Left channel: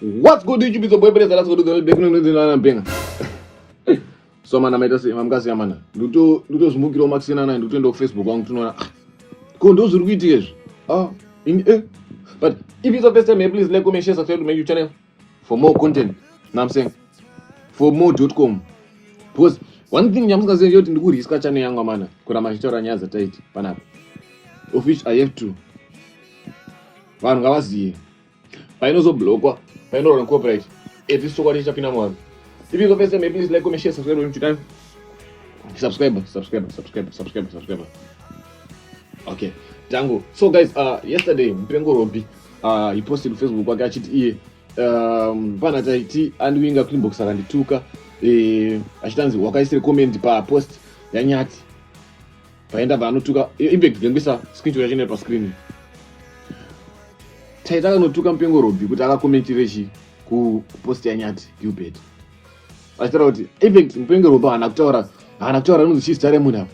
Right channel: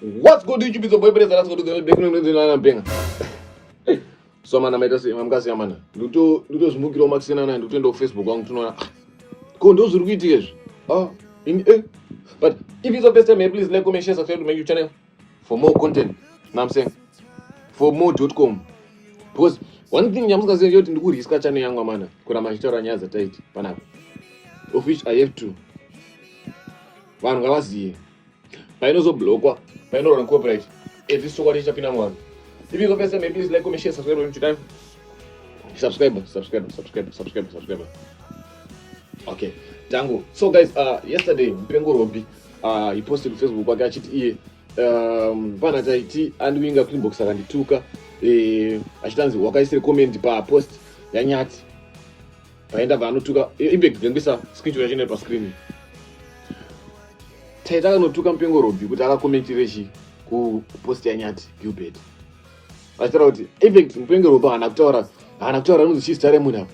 What's good YouTube? It's your boy Brother. Let's go to the back no no benga. So man amaita se mamkasi yamana. Nduto smukiro maxina na nduto ndo Facebook wangu tunaona. Ko ndo zuri kuitika izvo. But if it's the first time, please like, comment, share, subscribe to my YouTube channel for more content. Know what I'm saying? For more.com. Because one thing I'm going to say is that I'm channel yangu mana. Kuna mashitaura nyaza taiti panapa. Of which I have to. Vanhu ngavaziye. Painozobhlokwa, painoona copyright. Eti sokwa lichapinda mwangu. If it's the first time, please like, comment, share, subscribe to my YouTube channel. Subscribe. Okay. Tango. So guys, yesterday Mpengo Robi he posted Facebook wake achiti pana taiti anwinga Cleanbox akandituka achitanzi wakaisire comment pa post yanyati paenda vanotuka impact ngembisa screenshot yachine pa screen taita kanotuka Mpengo Robi kuti akakomentire chi ku post yanyati Gilbert achitaura kuti impact Mpengo Robi hana kutaura nonzi chistare munhu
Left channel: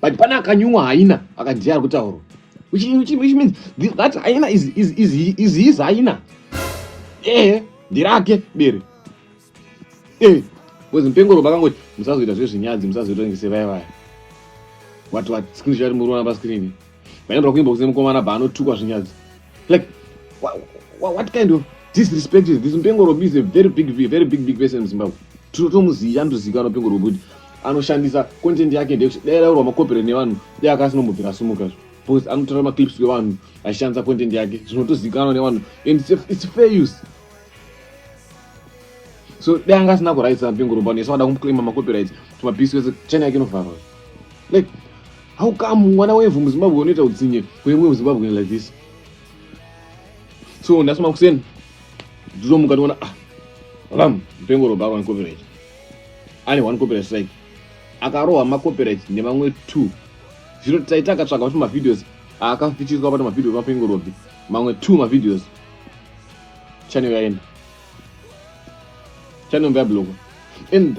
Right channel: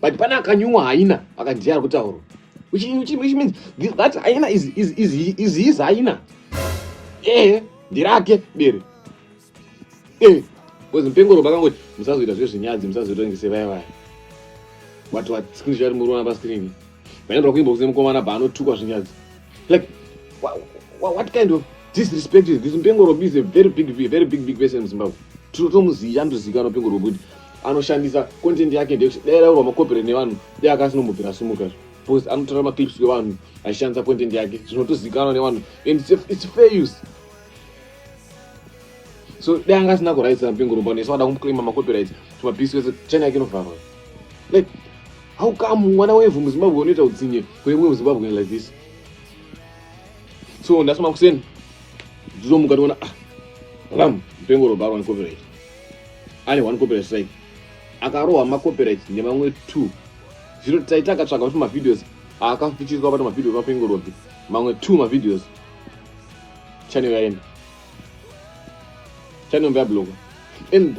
but pana akanyuwa haina akadhiya kutaura which means that haina is his haina ndirake bere because Mpengo Robi akangoti musazoita zvezvinyadzi musazoita ngesevaya what screenshot murona pa screen painobva kuimba kusema mukomana baanotukwa zvinyadzi like what kind of disrespect is this? Mpengo Robi is a very big person in Zimbabwe. Tomuziya ndozikanwa Mpengo Robi kuti anoshandisa content yake ndeyaraurwa makopere nevanhu deakasinombobvira sumuka because anotora maclips evanhu achishandisa content yake zvinotozikanwa nevanhu and it's fair use. So deangasina kuraisa Mpengo Robi nesu vada kumuclaima macopyright tumapisi wese channel yake inovharwa. Like how come mwana wevhu muZimbabwe unoita utsinye kwemwe muZimbabwe like this? So ndasema kuseni ndizomuka ndiona Mpengo Robi ane copyright, ane one copyright strike, akarohwa macopyright nemamwe 2 zvino taita akatsvaga kuti mavideos akafichiriswa pata mavideos maMpengo Robi mamwe 2 mavideos channel yaenda channel yablock and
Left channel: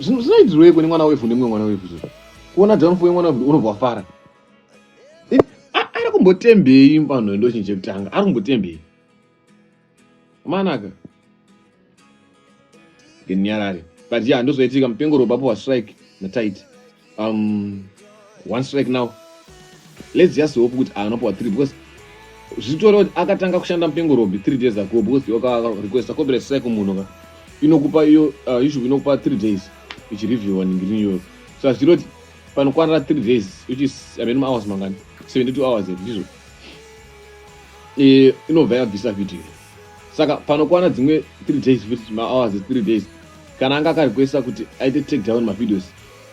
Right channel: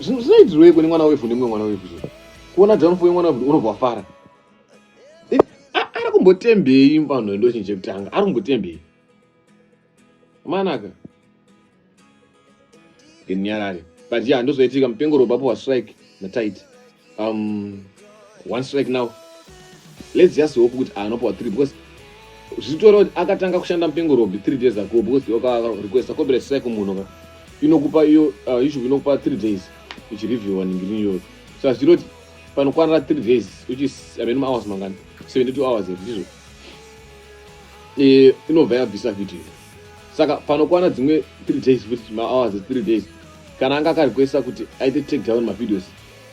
zvinoitirweko nemwana wevhu nemumwe mwana wevhu kuona downfall yemwana wevhu unobva fara ari kumbotembei panhondo chinje kutanga ari kumbotembei manaka ngenyarare but yeah ndozoitika Mpengo Robi apo strike natight one strike now. Let's just hope kuti anopa 3 because zvitora kuti akatanga kushanda Mpengo Robi 3 days ago because request copyright strike munhu inokupa iyo issue inokupa 3 days ichireview ningirinyo so zvitori panokwanira 3 days which is hours mangani 72 hours ndizvo inobva yabvisa video saka panokwana dzimwe 3 days futi hours 3 days kana anga akarequesta kuti aite take down mavideos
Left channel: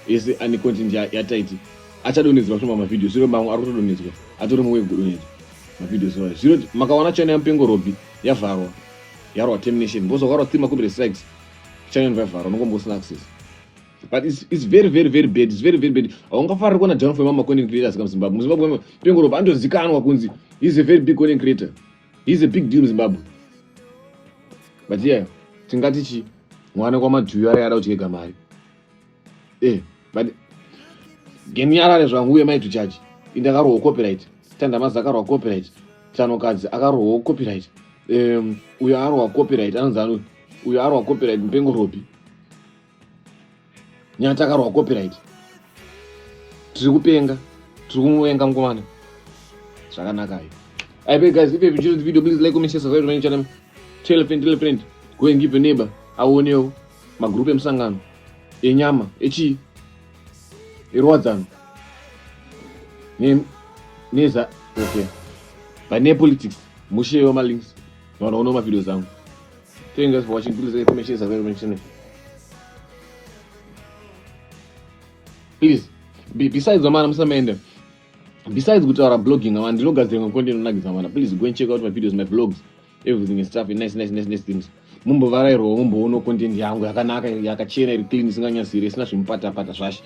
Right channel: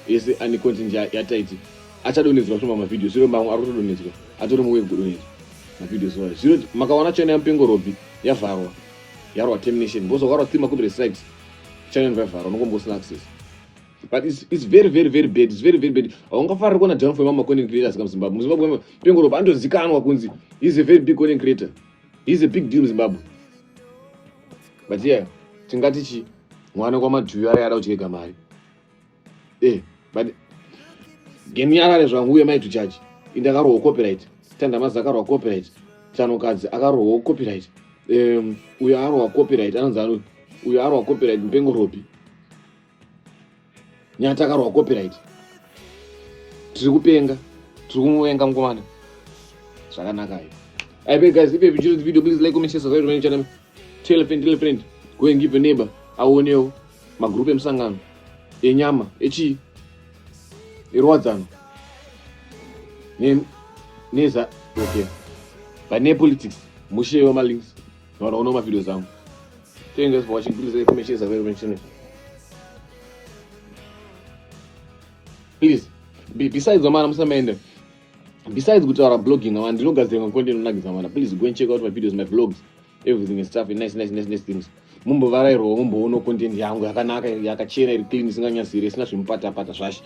ese ane content yataiti achadonedzerwa shoma mavideos zviro mamwe ari kutodonedzwa atori muwe kudonedzwa mavideos ono zviro makawana channel yaMpengo Robi yavharwa yarwa termination because warwa 3 macopyright strikes channel yavharwa unongombosina access but it's very bad. It's very bad. Aungafarira kuona downfall yama content creators kam Zimbabwe. Muzimbabwe Mpengo Robi andozikanwa kunzi he's a very big content creator, he's a big deal in Zimbabwe. But yeah tingati chi mwana kwa madhuyu ari ada kucheka mari but ngenyarare zvangu uye maitu chachi indakarohwa copyright tandamazi akarohwa copyright chanokadzi akarohwa copyright uyo arohwa copyright anonzi uyo arohwa copyright Mpengo Robi nyati akarohwa copyright tiri kupenga tiri kumuvenga mukomana zvakanaka. Alright guys, if you enjoyed the video, please like, comment, share, subscribe to my channel. Tell a friend, go and give a neighbor. Aoneo magroup emsangano enyama echi irwadzano neza okay but ne politics musheyo ma links vanoona ma videos zangu. Thank you guys for watching. Please like, comment, share, subscribe to my channel. Please besides the man musamende besides kutaura blogging and ndinogadzira content unagidza mana, please go and check out my videos, my vlogs, everything is stuff and nice things. Mumbovarairwa mumboona content yangu yakanaka yakachena iri clean isinganyasiri isina zvimupata zvashe.